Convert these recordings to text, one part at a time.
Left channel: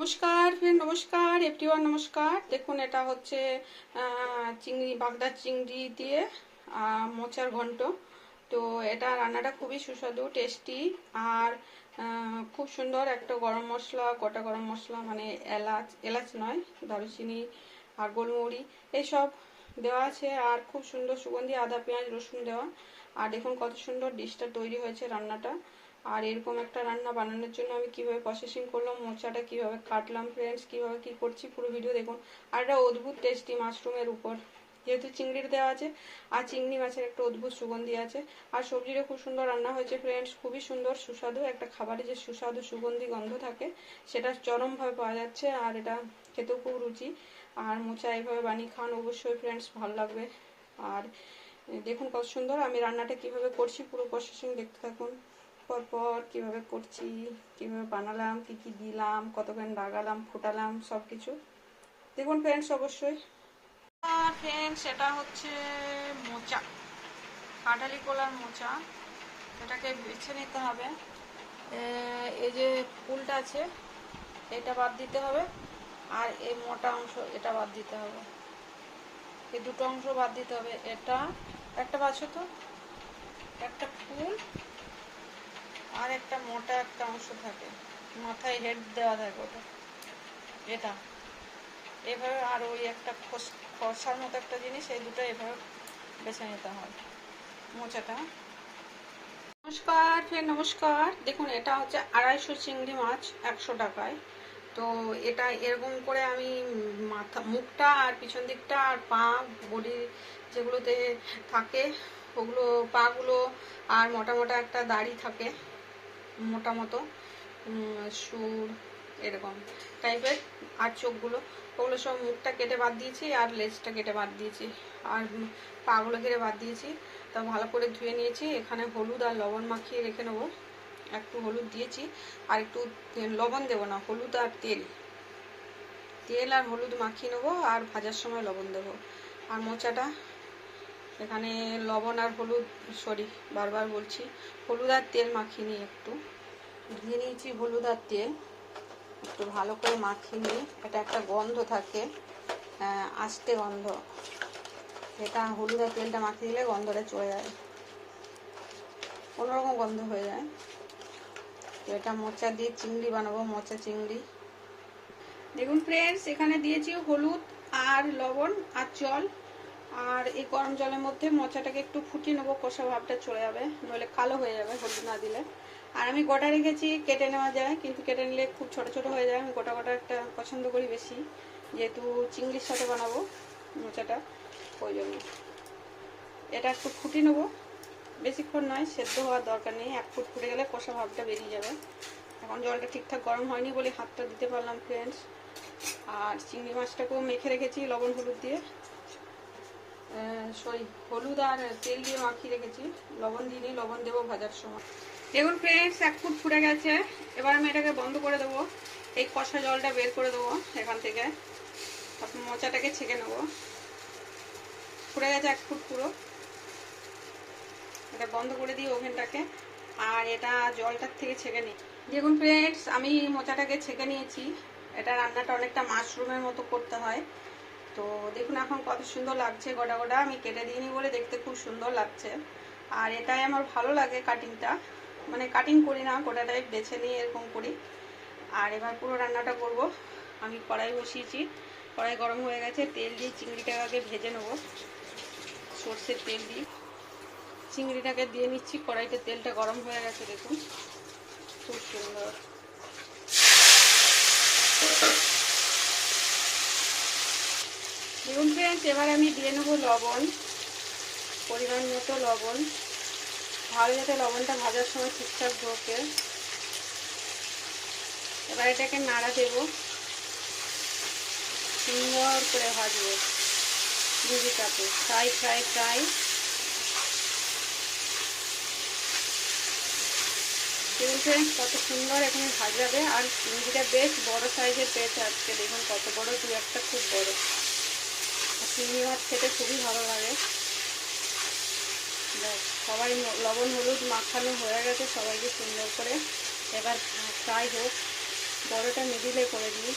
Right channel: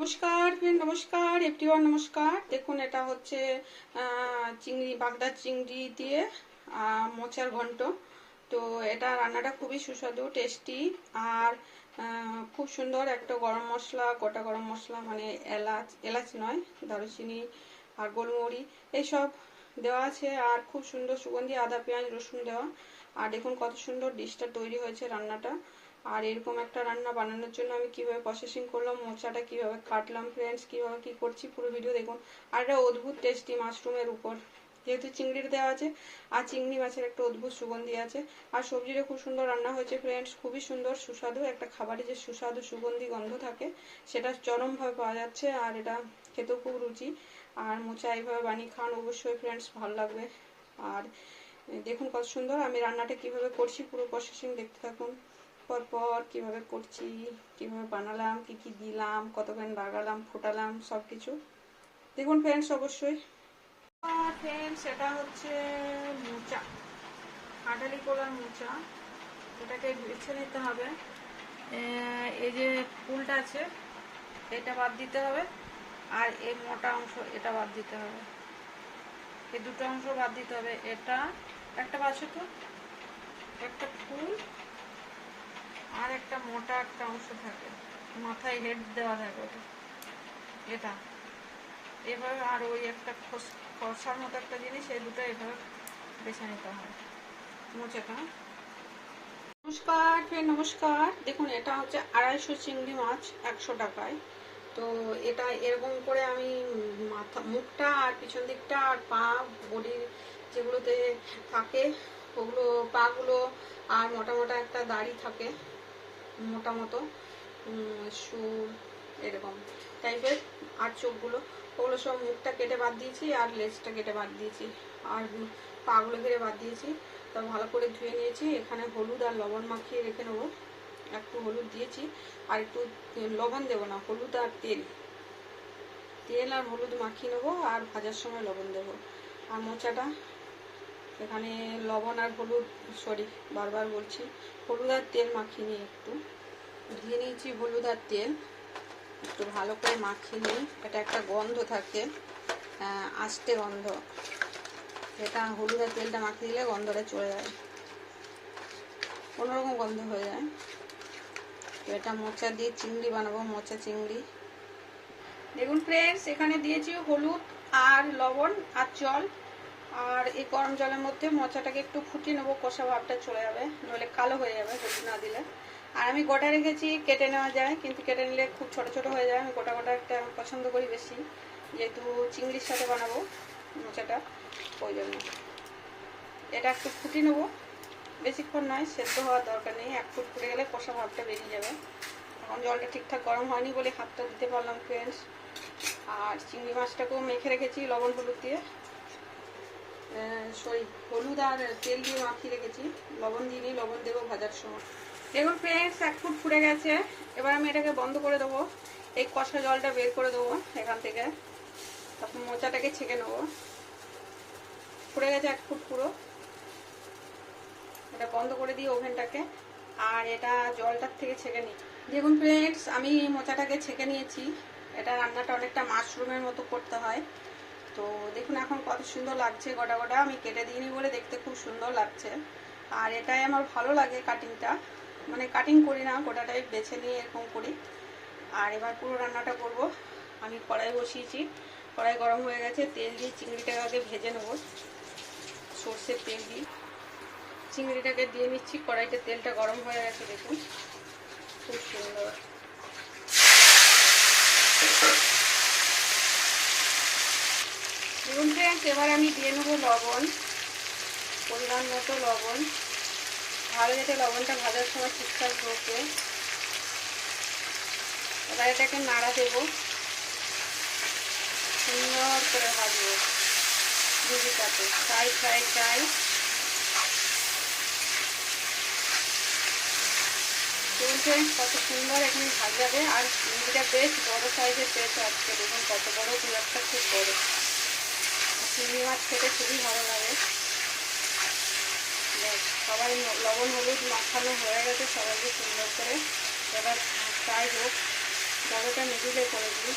নমস্কার ফ্রেন্ড নমস্কার এভরিওয়ান নমস্কার। দেখুন, এটা হচ্ছে চিংড়ি বাগদার চিংড়ি দিয়ে মোচার ঘন্ট। তো এটা রান্নাটা খুবই সুস্বাদু টেস্টি আর খুব সুন্দর একটা গরম মশলা, গোটা গরম মশলা মানে এলাচ এলাচ নয়, দারুচিনি আর গোলমরি এইসব দেওয়া আছে। আর খুব সুন্দর সুগন্ধি, আদা, পেঁয়াজ, রসুন দেওয়া। আর দেখুন, কত সুন্দর ডিশটা তৈরি হয়েছে রান্নাটা। আর এরকম একটা রান্না বানানোর জন্য আমি কীভাবে প্রসেসিং করলাম, মোচাটা কীভাবে কাটলাম ফ্রেন্ডস কীভাবে কি করছি পুরো ভিডিও দেখুন। আর এটা অদ্ভুত টেস্টি মাশরুমের উপর। যেহেতু চিংড়ির দেওয়া আছে, আর চিংড়ি মাছের একটা অদ্ভুত সুগন্ধি আছে। আর সবজিটা খুব সুন্দর রান্না হয়েছে ফ্রেন্ডস খুবই সুন্দর, সুস্বাদু একটা খাবারে যে সুস্বাদু সুগন্ধি গন্ধ থাকে, সেটা চরমভাবে পাওয়া যাচ্ছে আর এটা খেতেও খুব রুচি। আর মোচা এইভাবে বানিয়ে খান অবশ্যই ফ্রেন্ডস ভালো লাগবে। আর দেখুন কত সুন্দর আমি রান্নাটা কীভাবে করছি, পুরো প্রসেসিং দেখতে থাকুন। পরপর কীভাবে করছি, কীভাবে বানালাম, কি কি দিলাম কতক্ষণ লাগালাম, ফোটালাম সব কিছু দেখুন ফ্রেন্ডস অবশ্যই। ফ্রেন্ডস এটা হচ্ছে মোচা, কাঁঠালি কলার মোচা। এটাকে বেছে নিতে হবে। এই যে ফুলটা আছে, এটা বাদ দিতে হবে। আর এই মোটা অংশ, এটা বাদ দিতে হবে। এই দুটো অংশ বাদ দিতে হবে। এটা, একটা বাছো তো? একটা ফুল আর একটা মোটা একটা অংশ থাকে। মাথায় হেড দেওয়া থাকে ওটা। এটা। এভাবে আর ওই একটা খোস- খসার মতো একটা জিনিস, এই দুটো এভাবে বেছে নিতে হয়। মোচাটা। নমস্কার ফের নমস্কার। দেখুন, এটা হচ্ছে আড়াইশো চিংড়ি মাছ, একশো টাকায়। তো এটা এরকম করে আমি মাথা, মুখটা আর পিছন দিকটা আর পা, বডি যেগুলোতে থাকে, ওগুলো পাগুলো আর মোটা মোটা একটা দাড়ি থাকে। মোটা মতো সুর এরকম টাইপের আর চোখগুলো। ওগুলো সব মুখটা কেটে বাদ দিয়েছি, আর লেজটা কেটে বাদ দিয়েছি। আর পাগুলো কেটে বাদ দিয়েছি। তা ভালো করে ধুয়ে নিয়েছি। এখানে হলুদ আর লবণ মাখিয়ে রেখে নেব। একটু হলুদ দিয়েছি, আর একটু লবণ দেবো না, হলুদ আর তেল। তেল আর হলুদ মাখিয়ে নেব, আর ভাজার সময় লবণ দেবো। আর মোচাটা এখানে লবণ আর হলুদ, সরি, বারবার বলছি, হলুদ আর তেল মাখিয়ে নিই একটু। ধুয়ে নিয়েছি হলুদ আর তেল। একটু ভালো করে মাখিয়ে নিই। এটা একটা গন্ধ থাকে আস্তে গন্ধ। এটা হলুদ আর তেলটা মাখিয়ে দিলে গন্ধটা চলে যায়। অন্যরকম গন্ধ হয়ে যায়। তো এটা মোচা দিয়ে চিংড়ি বানাবো, মোচা চিংড়ি। দেখুন ফ্রেন্ডস, এখানে দিয়েছি হলুদ আর লবণ আর জল। আর এই গরম জলের মধ্যে মোচাটাকে একটু ফুটিয়ে নেব, কষা ভাবটা চলে যাবে, নইলে কালো হয়ে যাবে, হলুদ না দিলে। আর আমি গোটা রেখেছি কেটে নেওয়া যায়, কিন্তু কেটে নিলে খুব ছোট ছোট হয়ে যায়, আমি গোটা গোটা একটা পছন্দ করি বেশি। যেহেতু চিংড়ির সাথে বানাবো মোচাটা, ওই জন্য। এটা একটু ফুটিয়ে নেব। বেশিক্ষণ নয়, সেদ্ধ হওয়ার দরকার নেই, এক ফুট ফুটে গেলে কষা ভাবটা বেরিয়ে যাবে। এখন জলটা ঠিকঠাক গরম হয়নি বলে হাতটা দিতে পারলাম ফ্রেন্ডস আর চিংড়ি মাছটাকেও মেখে রেখেছি, লবণ, হলুদ দিয়ে। সরি হলুদ আর তেল দিয়ে মাখিয়ে রেখেছি। লবণ দিয়ে নিই, লবণ দেবো ভাজার সময়। দেখুন ফ্রেন্ডস এক ফুট ফুটে গেছে। এবার আমি এটাকে বন্ধ করে দেবো। এই কষা জলটা বের করে দেবো এখান থেকে। তারপর মোচাটাকে ছেঁকে নেব। ফুটে গেছে এক ফুট পুরো। এটা বন্ধ করে দিই ওভেনটাকে। আর এটা জলটার থেকে ছেঁকে নিই। দেখুন ফ্রেন্ডস আমি মোচাটাকে ছেঁকে নিয়েছি। এটা রান্নাটা অনেকটা মাশরুমের মতো করতে হয়। তো দেখুন এখন কত সুন্দর লাগছে গোটা গোটা। আমি কেটে দিইনি বলে দেখতে খুব সুন্দর লাগছে। আর এটাই আমার ভালো লাগে কাটিংটা মানে কাটিং করি না, গোটাটাই বেছে নিয়ে এরকম করি। আর এবার পুরো রান্নাটা করব। আমি কড়াই বসিয়েছি। কড়াই গরম হয়ে গেছে। তেল দিয়ে চিংড়িটাকে আগে ভেজে নেব। সর্ষের তেল দিই চিংড়িটাকে দিয়ে নিচ্ছি। কড়াইতে তেলটা গরম হয়ে গেছে দেখুন। খুব সুন্দর। দেখুন ফ্রেন্ডস এবার আমি দিয়ে নেব লবণ, পরিমাণ মতো লবণ। ভালো যাতে লবণটা ভাজার সময় ঠিকঠাক ঢোকে। এবার এটাকে নাড়া দেবো। সুন্দর করে ভাজবো দিদিটাতে ফ্রাই ফ্রাই ফ্রাই চলছে কত সুন্দর এখানে ভাজাবে। আর চিংড়িটা বেশ বড় সাইজের বেশ আজকে দেখুন কত বড় দু একটা খুব বড়। চিংড়ি মাছ খেতে খুবই ভালো লাগে। সবাই লবণ হলুদ মাখানো হয়ে গেছে সবাইকে সুন্দর করে। এবার ফ্রাই হোক, বড়টা মিডিলে করে দিই।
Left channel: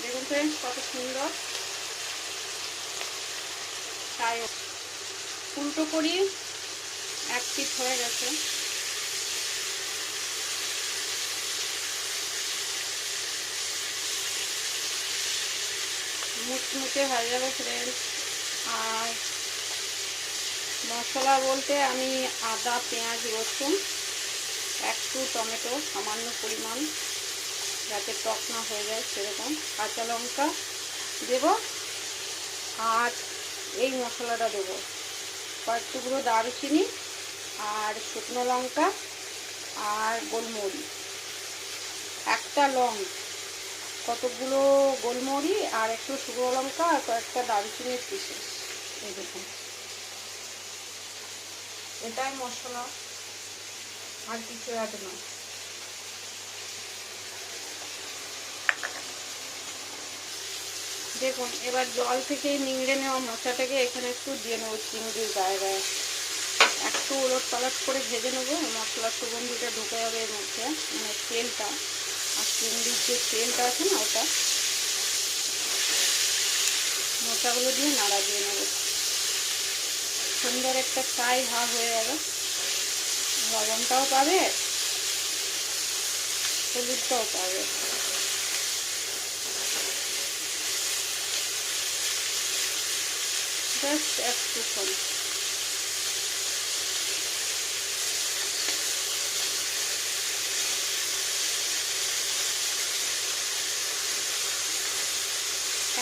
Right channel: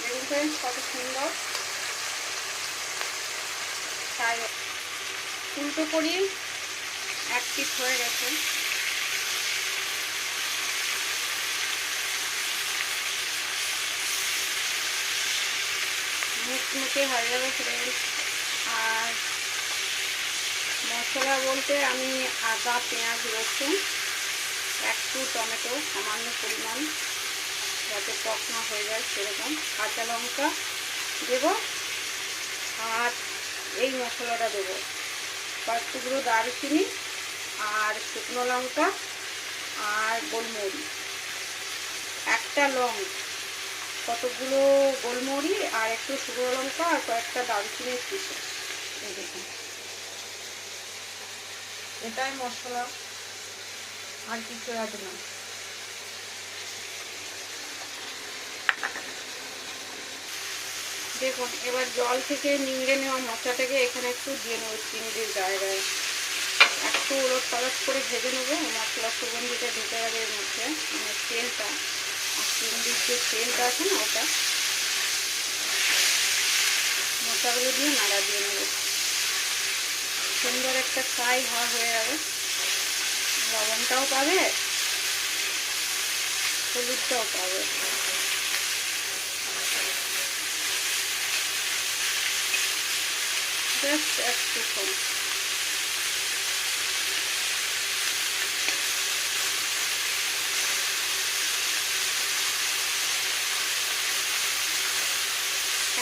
দেখুন ফ্রেন্ডস কত সুন্দর। তাই উল্টো করি এক পিঠ হয়ে গেছে। মুচমুচে হয়ে যাবে ফ্রেন্ডস আর মশলা বলতে আমি আদা, পেঁয়াজ, রসুন একটু টমেটো সামান্য পরিমাণ যাতে টক না হয়ে যায় সেরকম। কাঁচা লঙ্কা দেব আর এই মশলাটা দেবো। কয়েক টুকরো দারুচিনি আর শুকনো লঙ্কা আর গোলমরিচ। একটা লং কতগুলো গোলমরি আর একটু শুকনো লঙ্কা আর কয়েকটা দারুচিনির পিসে এই দেখুন। এটাই মশলা। আর কিছু আছে না। দেখুন, এবার জল থেকে নিংড়ে নেওয়া মশলাটাকে এখানে একটু দিয়ে নেব চিংড়ির গায়ে গায়ে। একটু উলট পালট করে ভেজে নেব। মশলা সুগন্ধিটা ঢুকে যাবে এর মধ্যে মানে তেলটা। আর চিংড়ির যে তেলটা আছে না ওটা, মশলাগুলো দিয়ে নাড়া দিয়ে নেব। সুন্দর একটা ফ্রাই ভাব হয়ে যাবে লবণটাও পাবে, হলুদটাও পাবে। জাস্ট একটু কম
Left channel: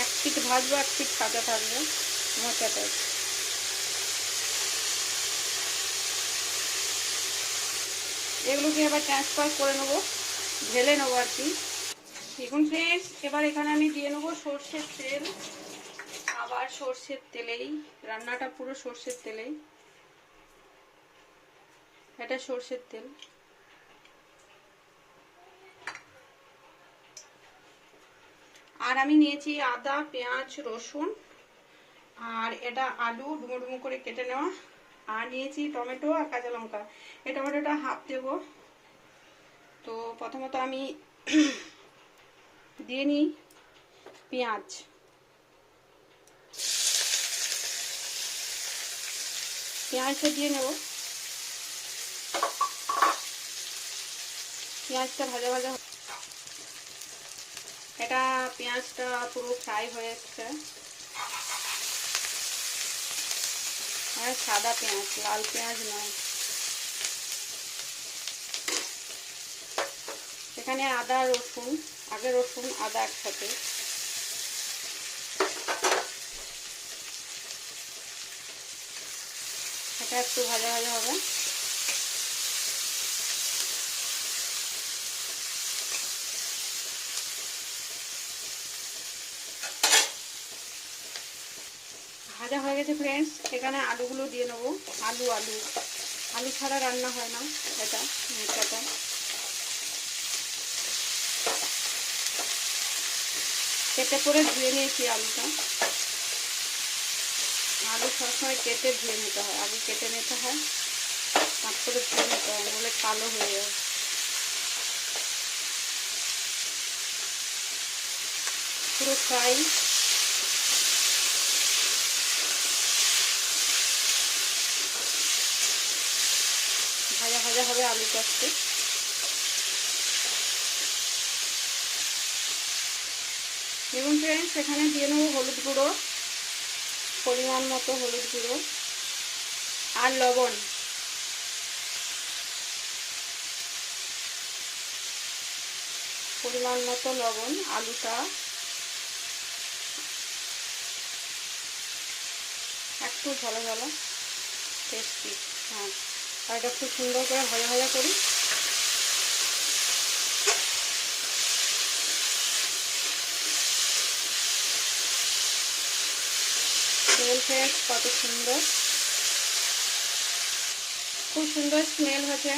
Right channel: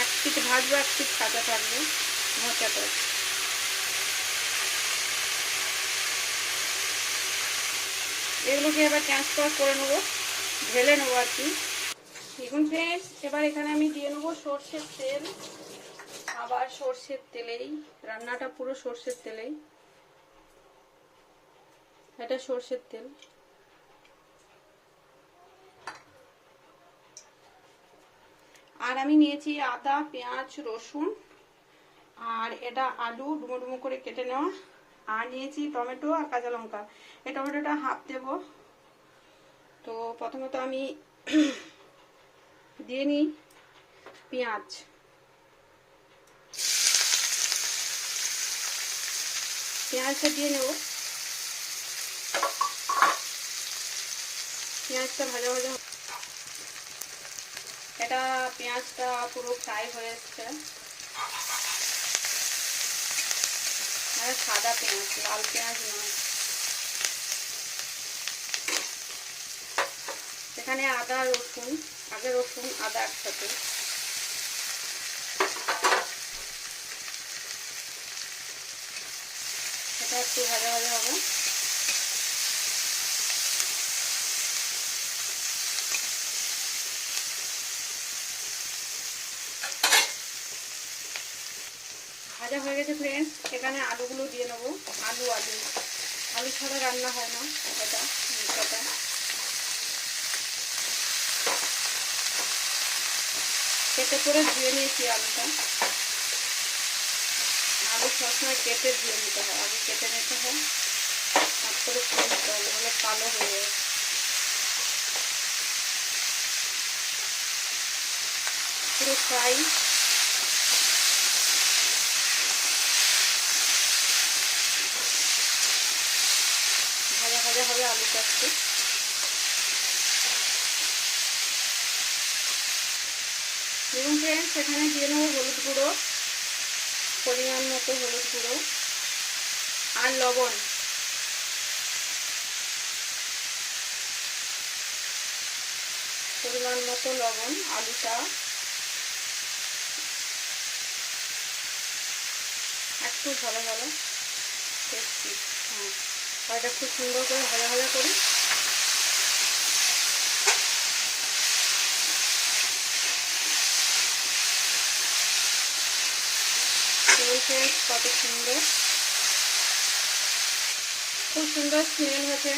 এক পিঠ ভাজবো, এক পিঠ কাঁচা থাকবে, মোচা মোচাটা এগুলোকে এবার ট্রান্সফার করে নেব, ঢেলে নেব আর কি। দেখুন ফ্রেন্ডস এবার এখানে আমি দিয়ে নেব সর্ষের তেল। আবার সর্ষের তেলেই, রান্নাটা পুরো সর্ষের তেলেই। এটা সর্ষের তেল। আর আমি নিয়েছি আদা, পেঁয়াজ, রসুন, আর এটা আলু ডুমো ডুমো করে কেটে নেওয়া। আর নিয়েছি টমেটো আর কাঁচা লঙ্কা। এই টমেটোটা হাফ দেব। তো প্রথমত আমি দিয়ে নিই পেঁয়াজ। পেঁয়াজটা দিয়ে নেব। পেঁয়াজটা ভাজা ভাজা এটা পেঁয়াজটা পুরো ফ্রাই হয়ে যাচ্ছে সাদা পেঁয়াজ, লাল পেঁয়াজ নয়। এখানে আদা, রসুন, আগে রসুন, আদা একসাথে। এটা একটু ভাজা ভাজা হবে। ভাজা হয়ে গেছে ফ্রেন্ডস এখানে আলুগুলো দিয়ে নেব। আলু আলু। আলু ছাড়া রান্না হয় না এটা মিঠাটা কেটে করে ধুয়ে নিয়েছি আলুটা। আলু সবসময় কেটে ধুয়ে নিতে হয়, আলু কেটে নিতে হয় হাত করে ধুয়ে নিতে হয়, নাহলে কালো হয়ে যায়। পুরো ফ্রাই ভাজা হবে আলুটা একটু দেখুন ফ্রেন্ডস এখানে দিয়ে নেব হলুদ গুঁড়ো, পরিমাণ মতো হলুদ গুঁড়ো আর লবণ। পরিমাণ মতো লবণ, আলুটা। একটু ভালো ভালো টেস্টি হ্যাঁ। আর এটা খুব সুন্দর করে ভাজা ভাজা করি। কত সুন্দর। খুব সুন্দর স্মেল হয়েছে।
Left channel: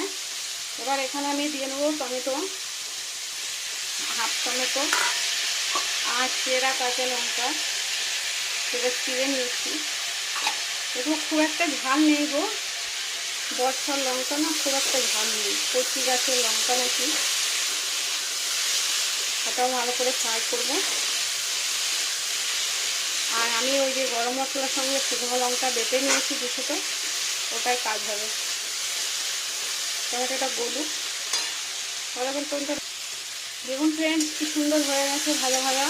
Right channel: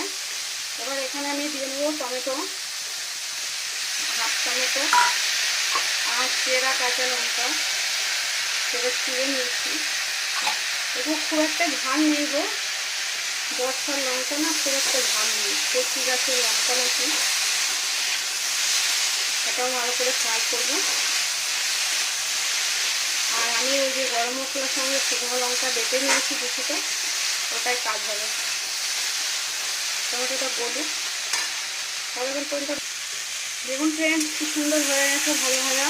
এবার এখানে আমি দিয়ে নেব টমেটো, হাফ টমেটো আর চেরা কাঁচা লঙ্কা। সেটা চিড়ে নিয়েছি। এগুলো খুব একটা ঝাল নেই গো। বর্ষার লঙ্কা না খুব একটা ঝাল নেই। কচি গাছের লঙ্কা নাকি? এটাও ভালো করে ফ্রাই করব। আর আমি ওই যে গরম মশলার সঙ্গে শুকনো লঙ্কা বেটে নিয়েছি কিছুটা ওটাই কাজ হবে। টমেটোটা গলুক ভালোক্ষণ পর্যন্ত দেখুন ফ্রেন্ড কি সুন্দর হয়ে গেছে ভালো ভাজা।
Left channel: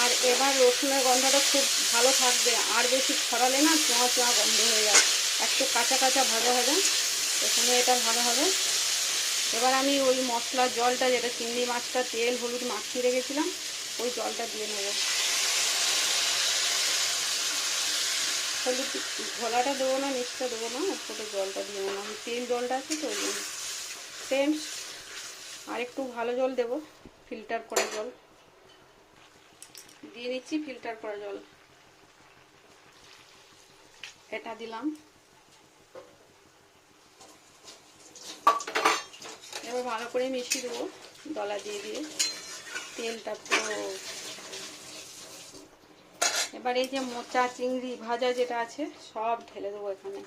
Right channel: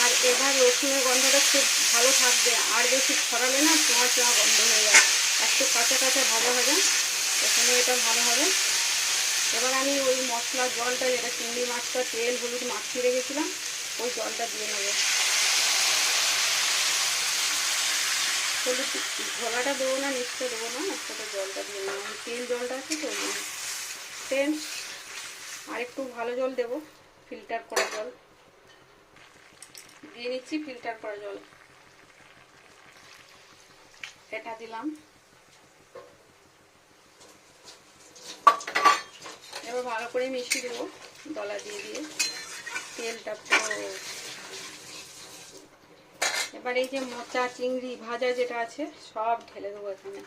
আর এবার রসুনের গন্ধটা খুব ভালো থাকবে। আর বেশি ছড়ালে না চোঁয়া চোঁয়া গন্ধ হয়ে যায় একটু কাঁচা কাঁচা ভাজা ভাজা এখানে এটা ভালো হবে। এবার আমি ওই মশলার জলটা, যেটা চিংড়ি মাছটা, তেল, হলুদ মাখিয়ে রেখেছিলাম, ওই জলটা দিয়ে নেব। হলুদ ঘোলাটা দেবো না নিচটা দেবো না, একসাথে জলটা দিয়ে নেব। তিন জলটা আছে তো ফ্রেন্ডস আর একটু ভালো জল দেবো ফিল্টার করা জল। দিয়ে নিচ্ছি ফিল্টার করা জল। এটা দিলাম। এবার ভালো করে মিশিয়ে দেবো। দলা দিয়ে দিয়ে। তেলটা পুরো এবার এই যে মোচা, চিংড়ি, ভাজা যেটা আছে, সব ঢেলে দেবো এখানে।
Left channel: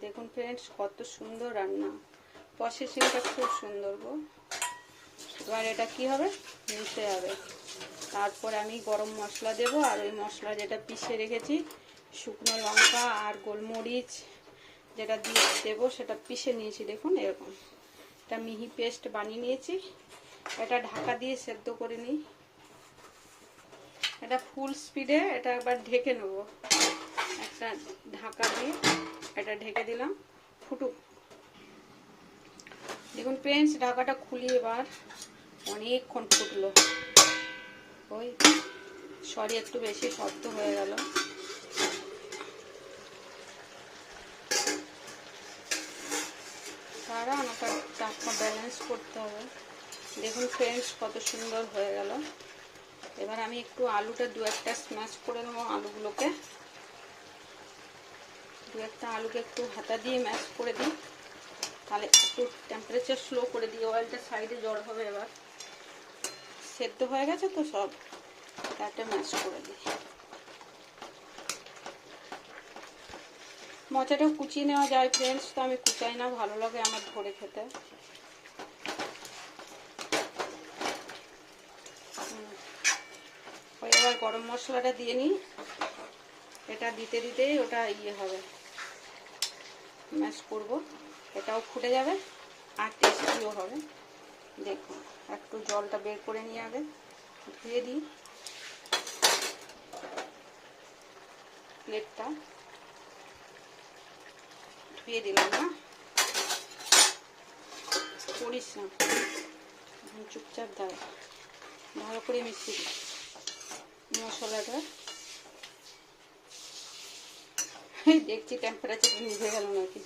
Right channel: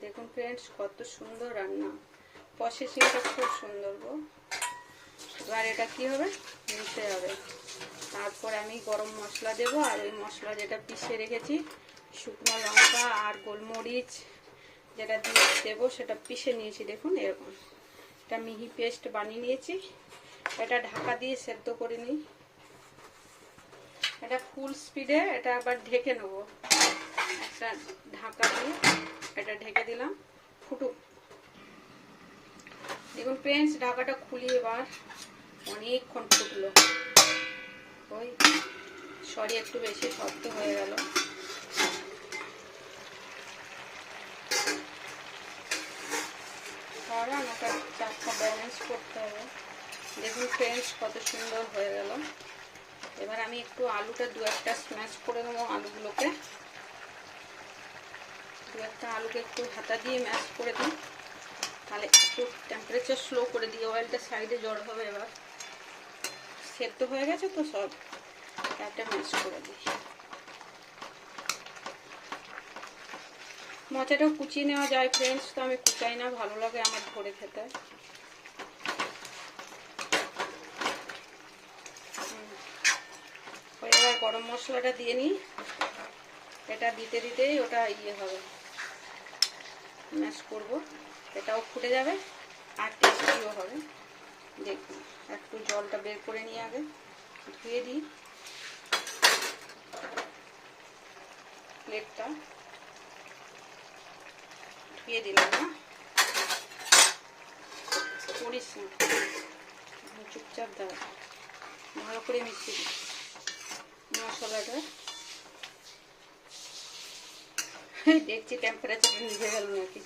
দেখুন ফ্রেন্ডস কত সুন্দর রান্না। প্রসেসিংটা খুব সুন্দর গো। এবার এটা কি হবে? মিশে যাবে। তারপর আমি গরম মশলা দেব, আর ওই মশলা যেটা পিষে রেখেছি, শুকনো লঙ্কা আর গোলমরিচ। যেটা দিয়ে দেবো সেটা পিষে নিয়েছি, দেখুন এরকম। এটা মিহি পেস্ট বানিয়ে নিয়েছি। এটা ঢাকা দিয়ে সেদ্ধ করে নিই। এটা ফুল স্পিডে এটা একবার ঢেকে নেব। একটা ঢাকা দিয়ে এটা ঢেকে দিলাম। ফুটুক। দেখুন ফ্রেন্ডস ঢাকাটা খুলি এবার। অনেকক্ষণ ফুটলো। ওই সরি একটু বেশি শব্দ হয়ে গেল। কারণ ওটা চাপটা ব্যালেন্স করতে হবে। দেখুন ফ্রেন্ডস কত সুন্দর হয়ে গেল। এবার আমি একটু আলুটা দু একটা স্ম্যাশ করে নেব আলুগুলোকে। দু একটা আলুকে একটু হাতা দিয়ে ম্যাশ করে দিই। তাহলে একটু টেম্পারেচার স্লো করে দিই অয়েলটা সাইডে জল হবে এবার। সেদ্ধ হয়ে গেছে তো সব। একটা ম্যাশ করে দিই। মোচাটাও কুচিয়ে নেওয়া যায় ফ্রেন্ডস তো আমি কুচাই না, ভালো লাগে আমার ধরে খেতে। এবার গরম মশলাটা দিয়ে নিই। এটা দিতে দিতেই ওটা ইয়ে হবে। ম্যাশ করব। এটাও ফুটে যাবে আর টেস্টিও হবে। দেখুন, একটু জলটা বের করে নিয়ে আগে ধুয়ে দিই। প্লেটটা ধুয়ে দিলাম না করিস না। চুপচাপ দাঁড়া। ভালো করে মিশিয়ে মশলাটা। দেখছি টেম্পারেচার নিভে গেল নাকি।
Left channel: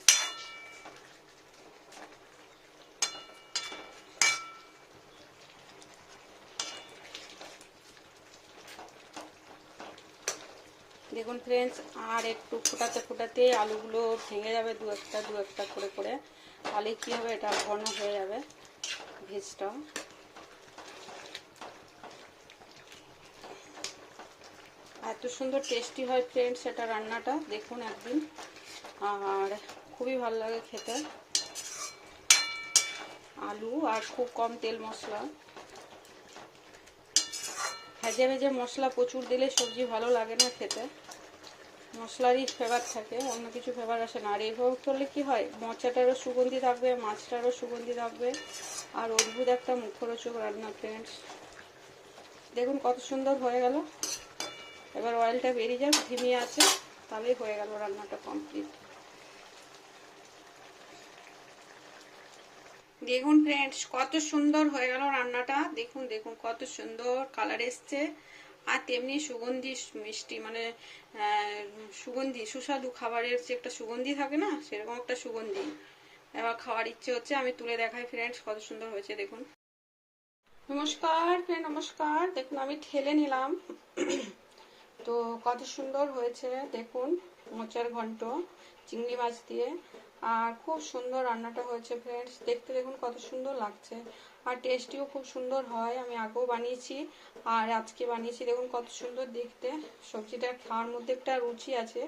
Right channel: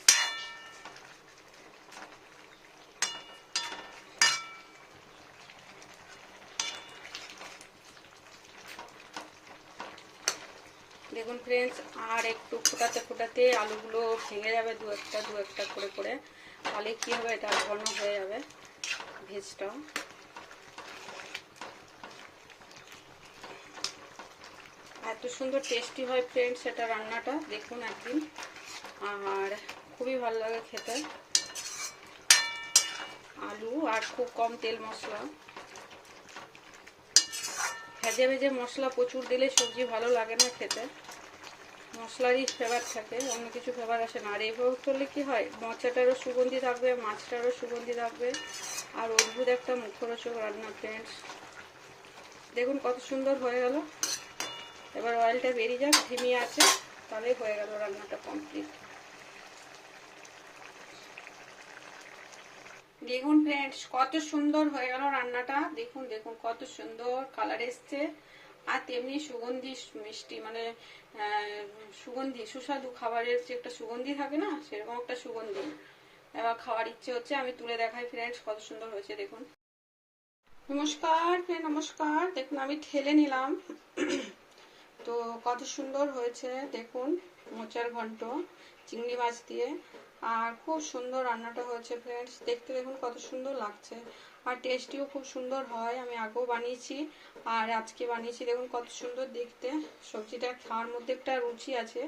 দেখুন ফ্রেন্ডস আর একটু ফোটাতে ফোটাতে আলুগুলো ভেঙে যাবে দু একটা দু একটা করে করে। তাহলে কি হবে? এটা ঘন হয়ে যাবে ভেজটা। এত সুন্দর টেস্টি হয় ফ্রেন্ডস এটা রান্নাটা, দেখুন একদিন। আর খুবই ভালো লাগে খেতে। আলু আর খুব কম তেল মশলা। ভেজে ভেজে মশলা প্রচুর দিলে সবজি ভালো লাগে না খেতে। মশলারই ফ্লেভার থাকে, অন্য কিছু ফ্লেভার আসে না। আর এইভাবে করলে কি হয়? মোচাটারও সুগন্ধি থাকবে, মাছটারও সুগন্ধি থাকবে। আর অদ্ভুত একটা মুখরোচক রান্না ফ্রেন্ডস দেখুন কত সুন্দর হয়ে গেল। এবার অয়েলটা বেরিয়ে যাক ধিমি আছে, তাহলেই হয়ে গেল রান্নাটা কমপ্লিট দেখুন ফ্রেন্ডস কত সুন্দর হয়ে গেল রান্নাটা। দেখুন দেখুন, কত সুন্দর কালার এসছে। আর তেমনি সুগন্ধি মিষ্টি মানে সুগন্ধি, সুস্বাদু খাবারের যে একটা সুগন্ধি থাকে না, সেরকম একটা সুগন্ধি। এবার খাওয়ার ইচ্ছে হচ্ছে, আমি তুলে দেখাই ফ্রেন্ডস কত সুন্দর হয়েছে, দেখুন। নমস্কার ফ্রেন্ড নমস্কার। দেখুন, আমি ঠেলে নিলাম। তো কত সুন্দর হয়েছে, দেখুন, মোচার ঘন্ট, চিংড়ি মাছ দিয়ে। আর খুব সুন্দর রান্নাটা হয়েছে ফ্রেন্ডস দেখতে দেখুন, কত সুন্দর লাগছে। আর টেস্টিও খুব সুন্দর হয়। আমি আগেও বানিয়েছি আর আজকে বানিয়েছি। দেখুন কত সুন্দর দেখতে। সবজিটা খাওয়ার মধ্যে একটা রুচি আছে।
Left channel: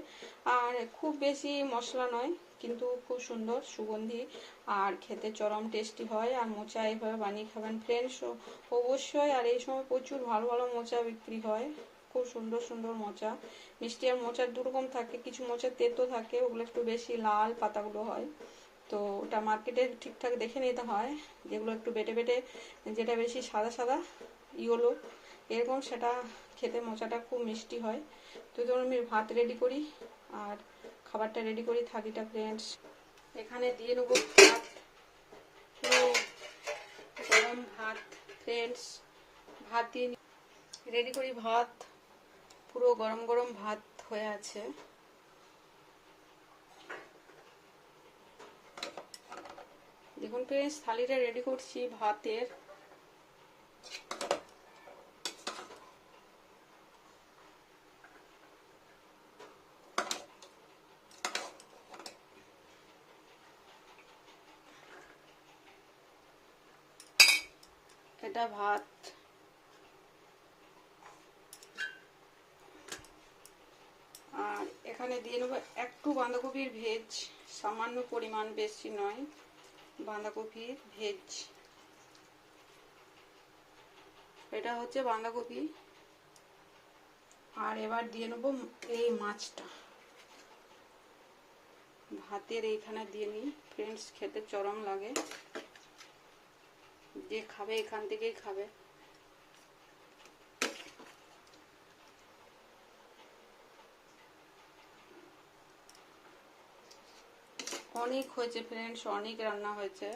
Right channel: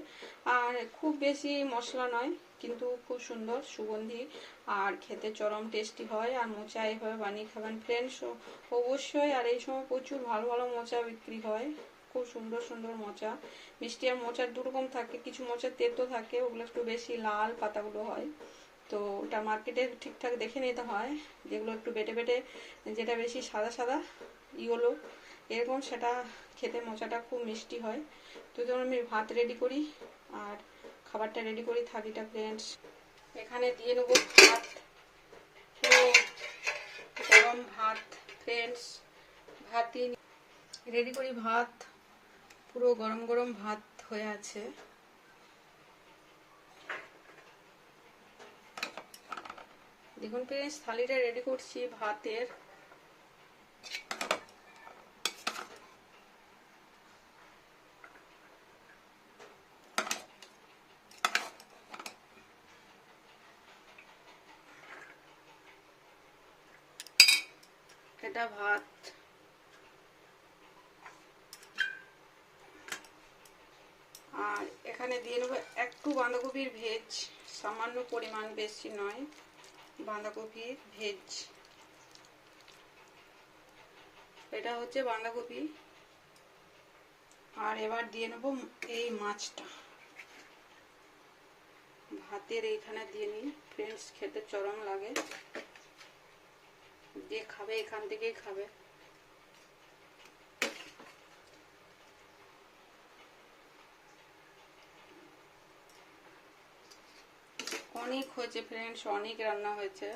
আর খুব বেশি মশলা নয়, কিন্তু খুব সুন্দর, সুগন্ধি। আর খেতে চরম টেস্টি হয়। আর মোচা এইভাবে বানিয়ে খাবেন ফ্রেন্ডস অবশ্যই। আর এই সময় প্রচুর ভালো ভালো মোচা বিক্রি হয়। খুব সুন্দর সুন্দর মোচা। মিষ্টি আর মোচার দুরকম থাকে, কিছু মোচা তেতো থাকে, ওগুলো একটু বেশি লাল পাতাগুলো হয়। তো ওটা মার্কেটে ঠিকঠাক দেখে নিতে হয়। যেগুলো একটু বেটে বেটে, যেটা বেশি সাদা সাদা, ইয়েলো, এরকম সেটা খেতে মোচাটা খুব মিষ্টি হয়। তো ধরুন আমি ভাত রেডি করি, আর খাবারটা রেডি করি, থালিটা ফ্রেন্ডস এখানে দিয়ে নেব ভাত গরম ভাত ফ্রেন্ডস ভাত দিয়ে রেডি করি ভাত। পুরো গরম গরম ভাত হয়ে আছে। দেখুন ফ্রেন্ডস থালিটা রেডি করছি, ভাতের। এটা ভাত। আর এখানে দিয়ে নেব একটু বাঁধাকপির ভেজ, সামান্য পরিমাণ বেশি নয়। বাঁধাকপির ভেজ। এটা হচ্ছে বাঁধাকপি। আর এবার দিয়ে নেব এই মাছটা। ভাতের এইখানে দিয়ে নিই ফ্রেন্ডস খেতে চরম লাগে। যে খাবে এখান থেকেই খাবে। অনেক হয়েছে ফ্রেন্ডস অনেক রান্না হয়েছে।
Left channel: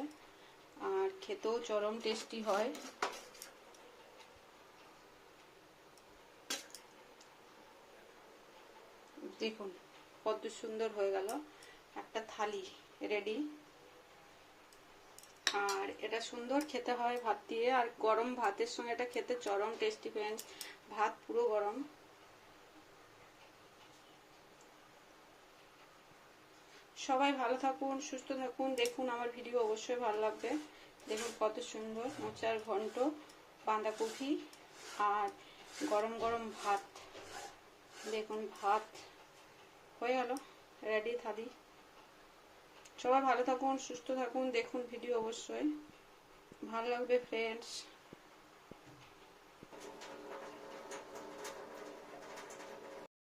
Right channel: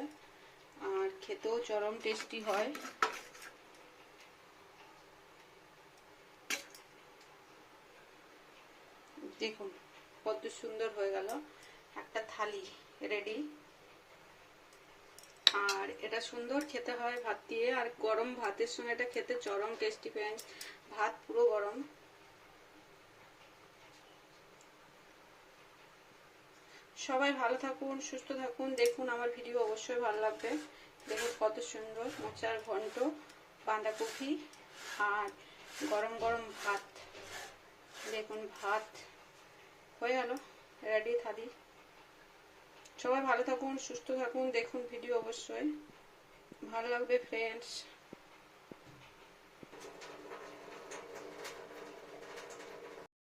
আর খেতেও চরম টেস্টি হয়। দেখুন, কত সুন্দর হয়ে গেল। একটা থালি রেডি আর এটা সুন্দর খেতে হয় ভাত দিয়ে। আর গরম ভাতের সঙ্গে এটা খেতে চরম টেস্টি ফ্রেন্ডস ভাত পুরো গরম। সবাই ভালো থাকুন, সুস্থ থাকুন। দেখুন, আমার ভিডিও অবশ্যই ভালো লাগবে। দেখুন কত সুন্দর মোচার ঘন্ট, বাঁধাকপি আর গরম গরম ভাত। দেখুন ভাত। হয়ে গেল। রেডি থালি। সবাই ভালো থাকুন, সুস্থ থাকুন। দেখুন ভিডিও অবশ্যই। ভালো লাগবে ফ্রেন্ডস